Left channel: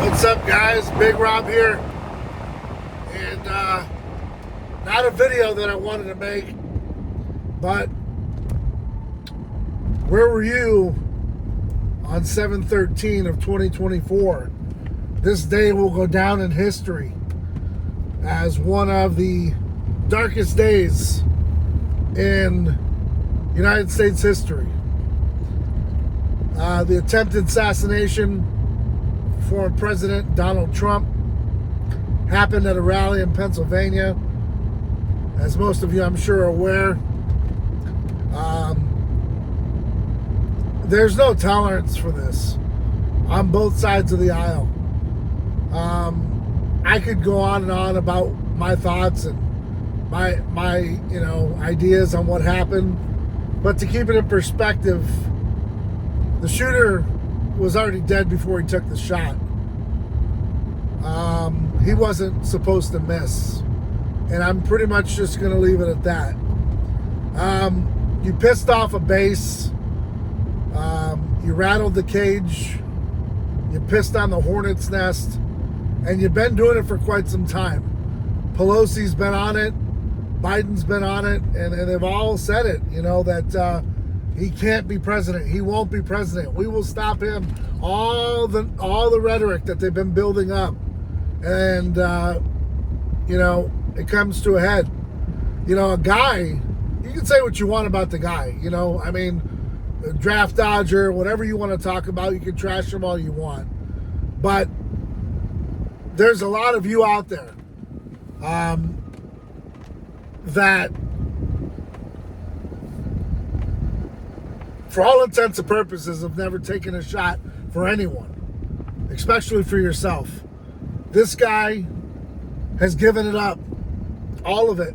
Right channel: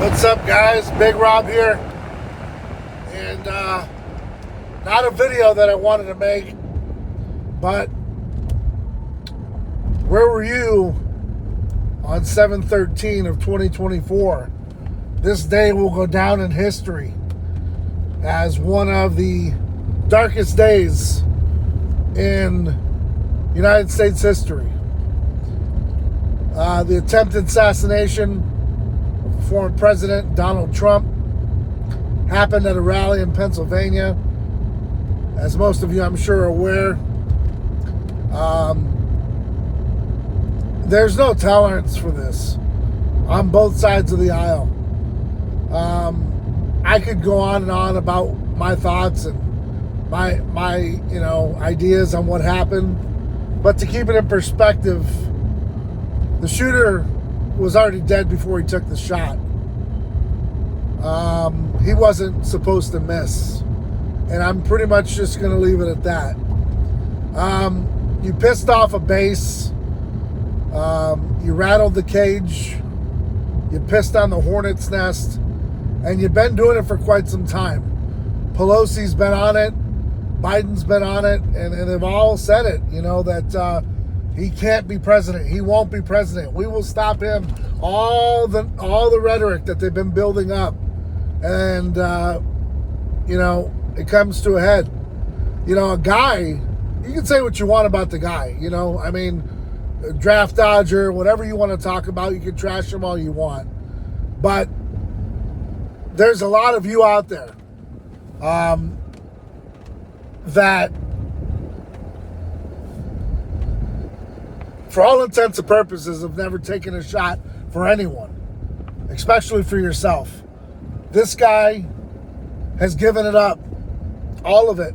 What's up, guys? Big Rob here. And not a video that I wanted to make, but where were you on 7/13 of 2024? This day will go down in history as one of the darkest days in United States history. The attempted assassination of former President Donald Trump happened at a rally in Pennsylvania. As most of you, I'm sure, are aware, there's no tolerance for this on both sides of the aisle. I could go on and on about my thoughts and my ideas on what happened, but to keep it in perspective, the shooter was already dead before he took the shot. He wasn't supposed to miss, and I'm pretty much just going to leave it at that. You pissed off a base. You rattled the cage. You pissed on the hornet's nest, and you've been doing it for quite some time. Pelosi's been on it. Biden's been on it, and they've all said it, that he can't be president. He won't be president. We will stop him. All the rhetoric that they've been building up, and it comes to a head. A guy, you can say what you want about the guy. Draft dodger, whatever you want to talk about, you can trash him all you want. But there's a lot of you out there that, for all intents and purposes, have never taken a shot for anyone, especially for yourself. This guy has given it up, all of it.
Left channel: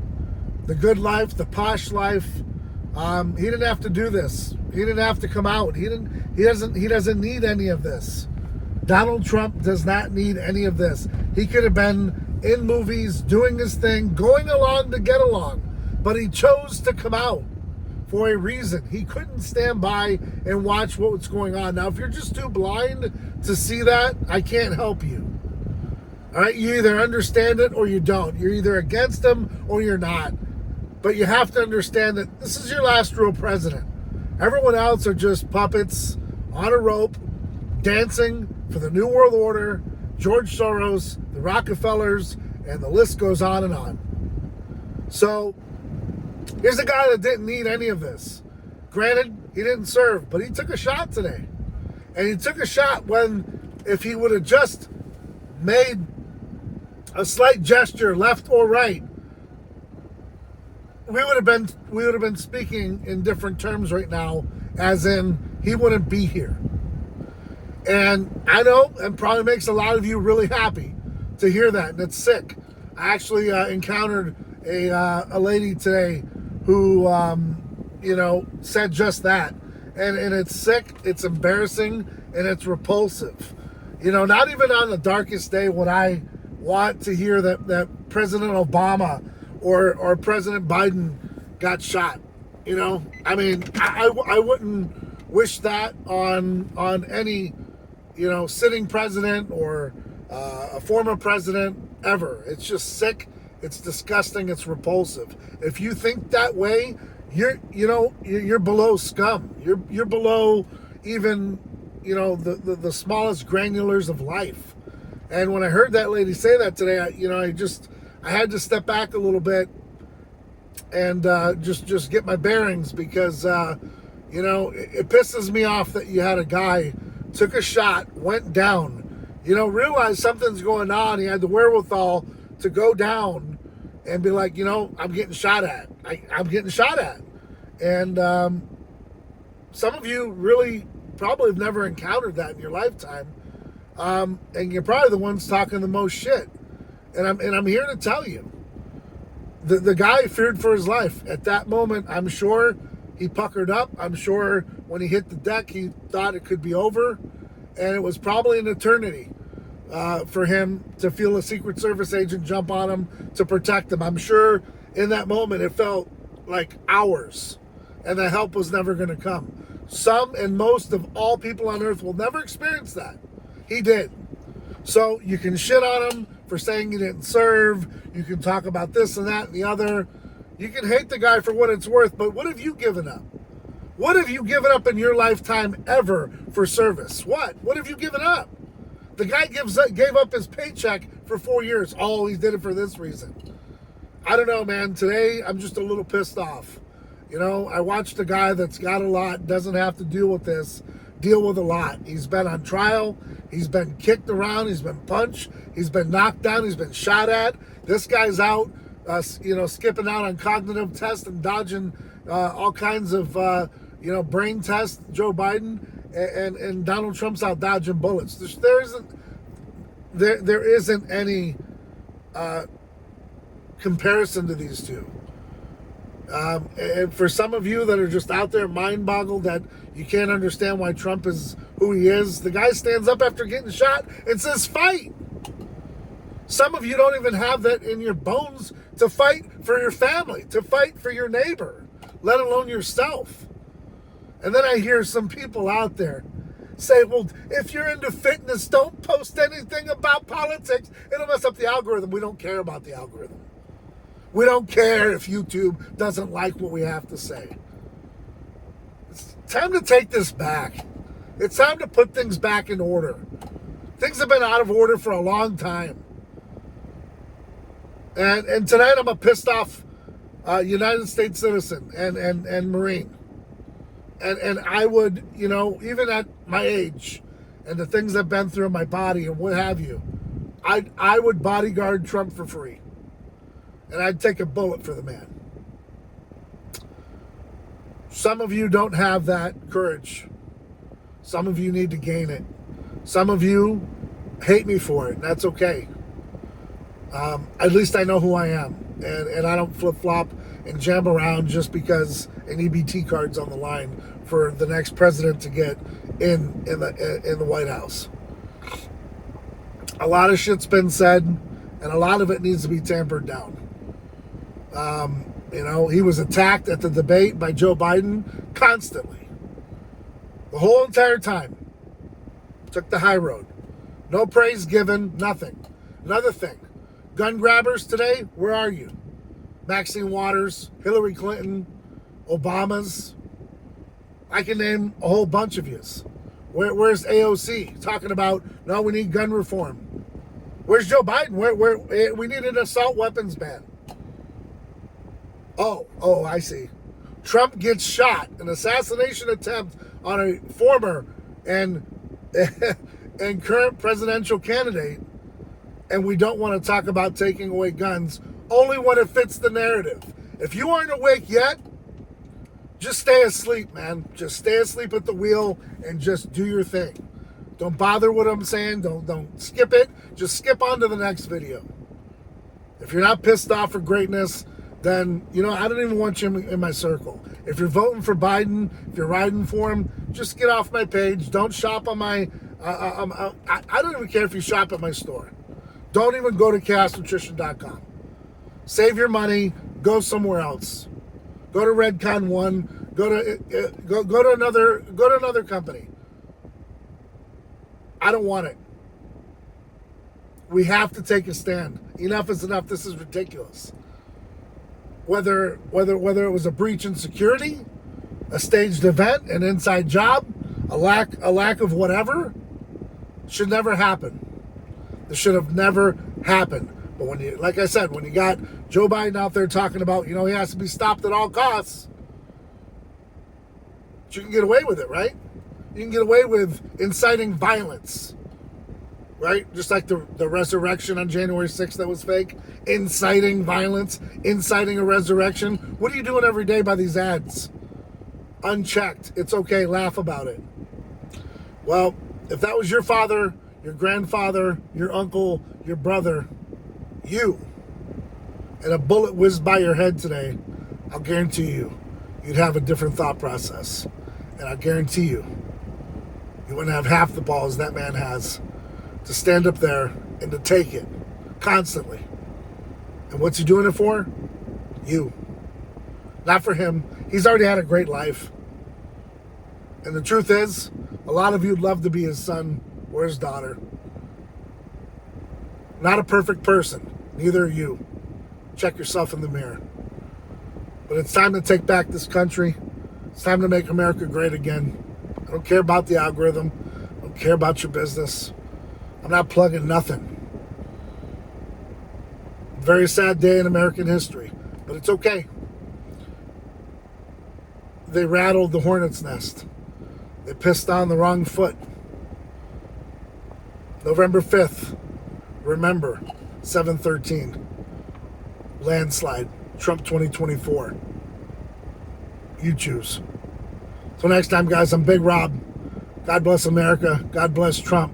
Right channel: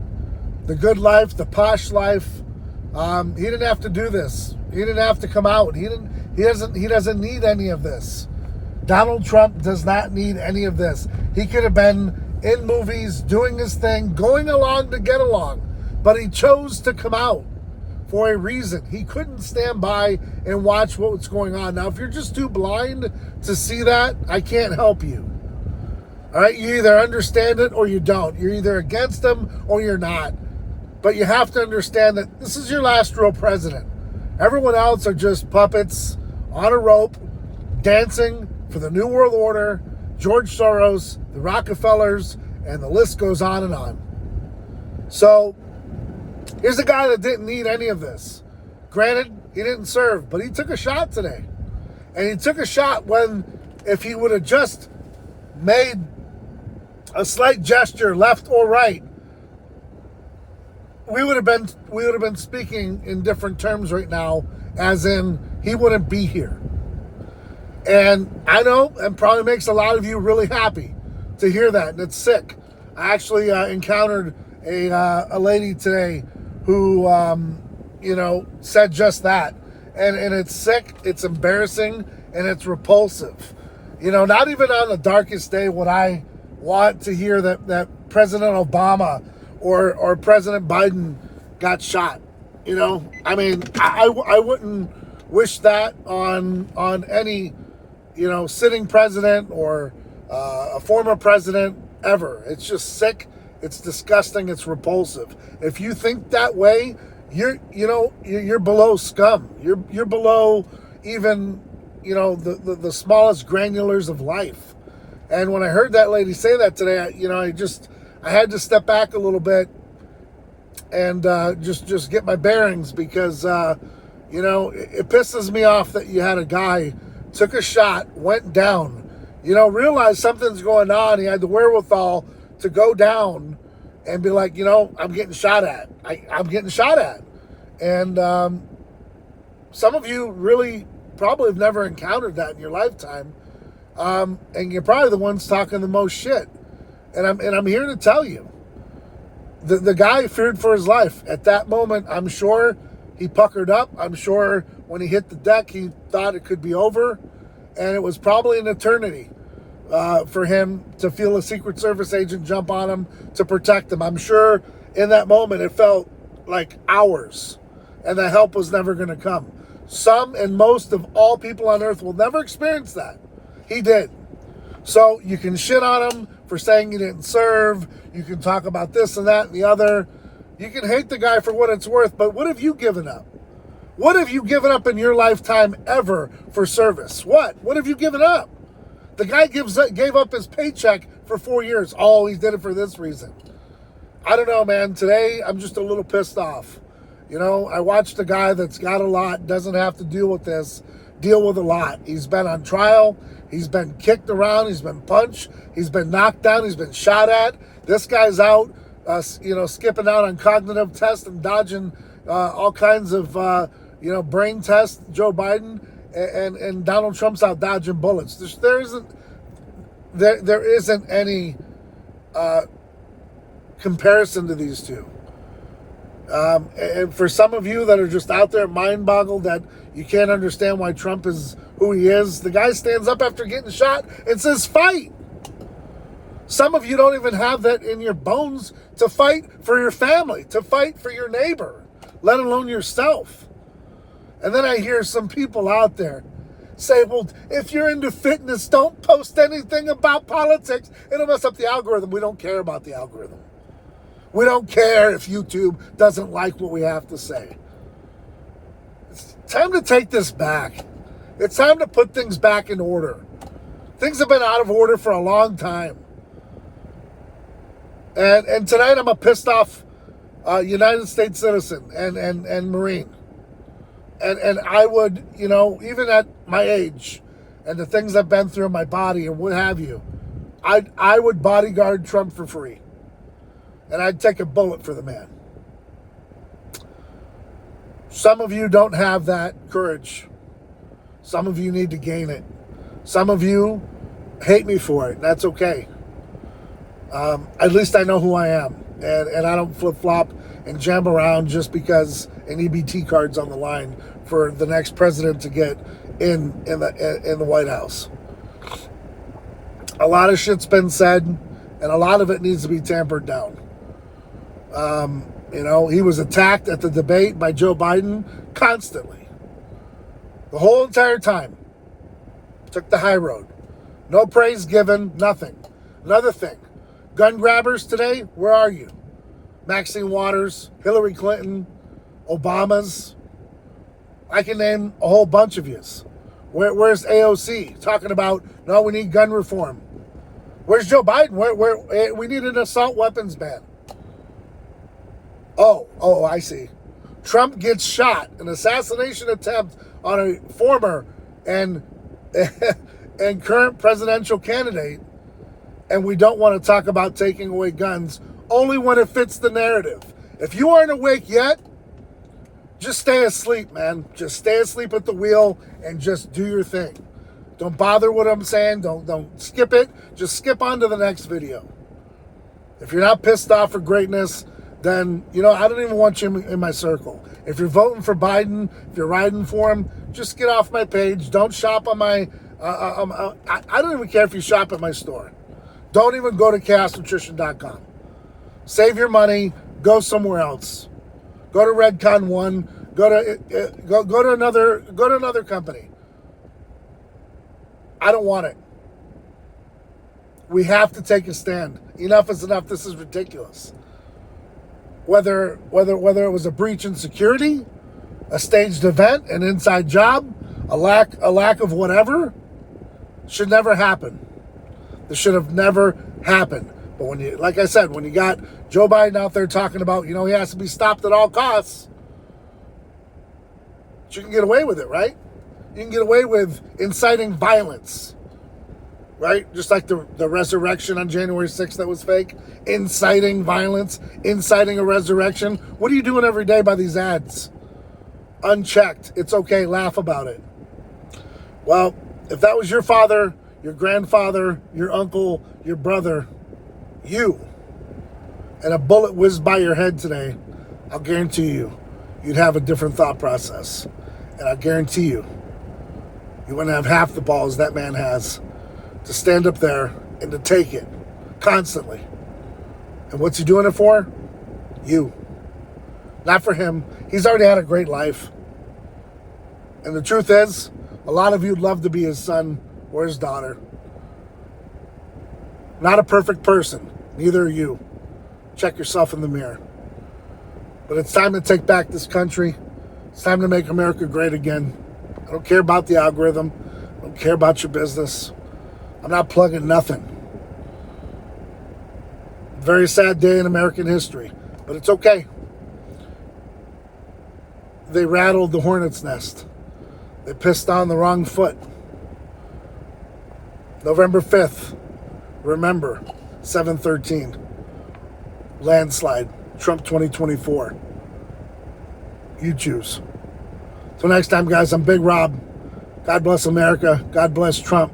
The good life, the posh life. He didn't have to do this. He didn't have to come out. He doesn't need any of this. Donald Trump does not need any of this. He could have been in movies, doing his thing, going along to get along, but he chose to come out for a reason. He couldn't stand by and watch what's going on. Now, if you're just too blind to see that, I can't help you. All right, you either understand it or you don't. You're either against him or you're not. But you have to understand that this is your last real president. Everyone else are just puppets on a rope, dancing for the New World Order, George Soros, the Rockefellers, and the list goes on and on. So here's a guy that didn't need any of this. Granted, he didn't serve, but he took a shot today. And he took a shot when, if he would have just made a slight gesture left or right, we would have been speaking in different terms right now, as in he wouldn't be here. And I know it probably makes a lot of you really happy to hear that, and it's sick. I actually encountered a lady today who said just that, and it's sick, it's embarrassing, and it's repulsive. Not even on the darkest day would I want to hear that President Obama or President Biden got shot. I wouldn't wish that on any sitting president or a former president ever. It's just sick. It's disgusting. It's repulsive. If you think that way, you're below scum. You're below even the smallest granulars of life. And when I heard that lady say that today, I had to step back a little bit and just get my bearings, because it pisses me off that you had a guy took a shot, went down, realized something's going on. He had the wherewithal to go down and be like, I'm getting shot at. I'm getting shot at. And some of you really probably have never encountered that in your lifetime. And you're probably the ones talking the most shit. And I'm here to tell you, the guy feared for his life. At that moment, I'm sure he puckered up. I'm sure when he hit the deck, he thought it could be over. And it was probably an eternity for him to feel a Secret Service agent jump on him to protect him. I'm sure in that moment it felt like hours, and the help was never going to come. Some and most of all people on earth will never experience that. He did. So you can shit on him for saying he didn't serve. You can talk about this and that and the other. You can hate the guy for what it's worth, but what have you given up? What have you given up in your lifetime ever for service? What? What have you given up? The guy gave up his paycheck for 4 years. Oh, he did it for this reason. I don't know, man. Today, I'm just a little pissed off. You know, I watched a guy that's got a lot, doesn't have to deal with this, deal with a lot. He's been on trial. He's been kicked around. He's been punched. He's been knocked down. He's been shot at. This guy's out, skipping out on cognitive tests and dodging all kinds of, brain tests, Joe Biden. And Donald Trump's out dodging bullets. There isn't any comparison to these two. And for some of you that are just out there mind-boggled that you can't understand why Trump is who he is, the guy stands up after getting shot and says, fight. Some of you don't even have that in your bones to fight for your family, to fight for your neighbor, let alone yourself. And then I hear some people out there say, well, if you're into fitness, don't post anything about politics. It'll mess up the algorithm. We don't care about the algorithm. We don't care if YouTube doesn't like what we have to say. It's time to take this back. It's time to put things back in order. Things have been out of order for a long time. And tonight I'm a pissed off United States citizen and Marine. And I would, even at my age and the things I've been through in my body and what have you, I would bodyguard Trump for free. And I'd take a bullet for the man. Some of you don't have that courage. Some of you need to gain it. Some of you hate me for it, and that's okay. At least I know who I am. And I don't flip-flop and jam around just because an EBT card's on the line for the next president to get in the White House. A lot of shit's been said, and a lot of it needs to be tampered down. He was attacked at the debate by Joe Biden constantly. The whole entire time. Took the high road. No praise given, nothing. Another thing. Gun grabbers today, where are you? Maxine Waters, Hillary Clinton, Obama's. I can name a whole bunch of yous. Where's AOC talking about, no, we need gun reform? Where's Joe Biden? Where we need an assault weapons ban. Oh, I see. Trump gets shot, an assassination attempt on a former and current presidential candidate, and we don't want to talk about taking away guns only when it fits the narrative. If you aren't awake yet, just stay asleep, man. Just stay asleep at the wheel and just do your thing. Don't bother what I'm saying. Don't skip it. Just skip on to the next video. If you're not pissed off for greatness, then, I don't even want you in my circle. If you're voting for Biden, if you're riding for him, just get off my page. Don't shop on my, I don't even care if you shop at my store. Don't even go to chaosnutrition.com. Save your money. Go somewhere else. Go to Redcon 1. Go to another company. I don't want it. We have to take a stand. Enough is enough. This is ridiculous. Whether it was a breach in security, a staged event, an inside job, a lack of whatever, should never happen. This should have never happened. But when you got Joe Biden out there talking about, he has to be stopped at all costs, you can get away with it, right? You can get away with inciting violence, right? Just like the resurrection on January 6th that was fake. Inciting violence, inciting a resurrection. What are you doing every day by these ads? Unchecked. It's okay. Laugh about it. Well, if that was your father, your grandfather, your uncle, your brother, you, and a bullet whizzed by your head today, I'll guarantee you'd have a different thought process. And I guarantee you wouldn't have half the balls that man has to stand up there and to take it constantly. And what's he doing it for? You. Not for him. He's already had a great life. And the truth is, a lot of you'd love to be his son or his daughter. Not a perfect person. Neither are you. Check yourself in the mirror. But it's time to take back this country. It's time to make America great again. I don't care about the algorithm. I don't care about your business. I'm not plugging nothing. Very sad day in American history, but it's okay. They rattled the hornet's nest. They pissed on the wrong foot. November 5th, remember, 7/13, landslide, Trump 2024. You choose. Till next time, guys, I'm Big Rob. God bless America. God bless Trump.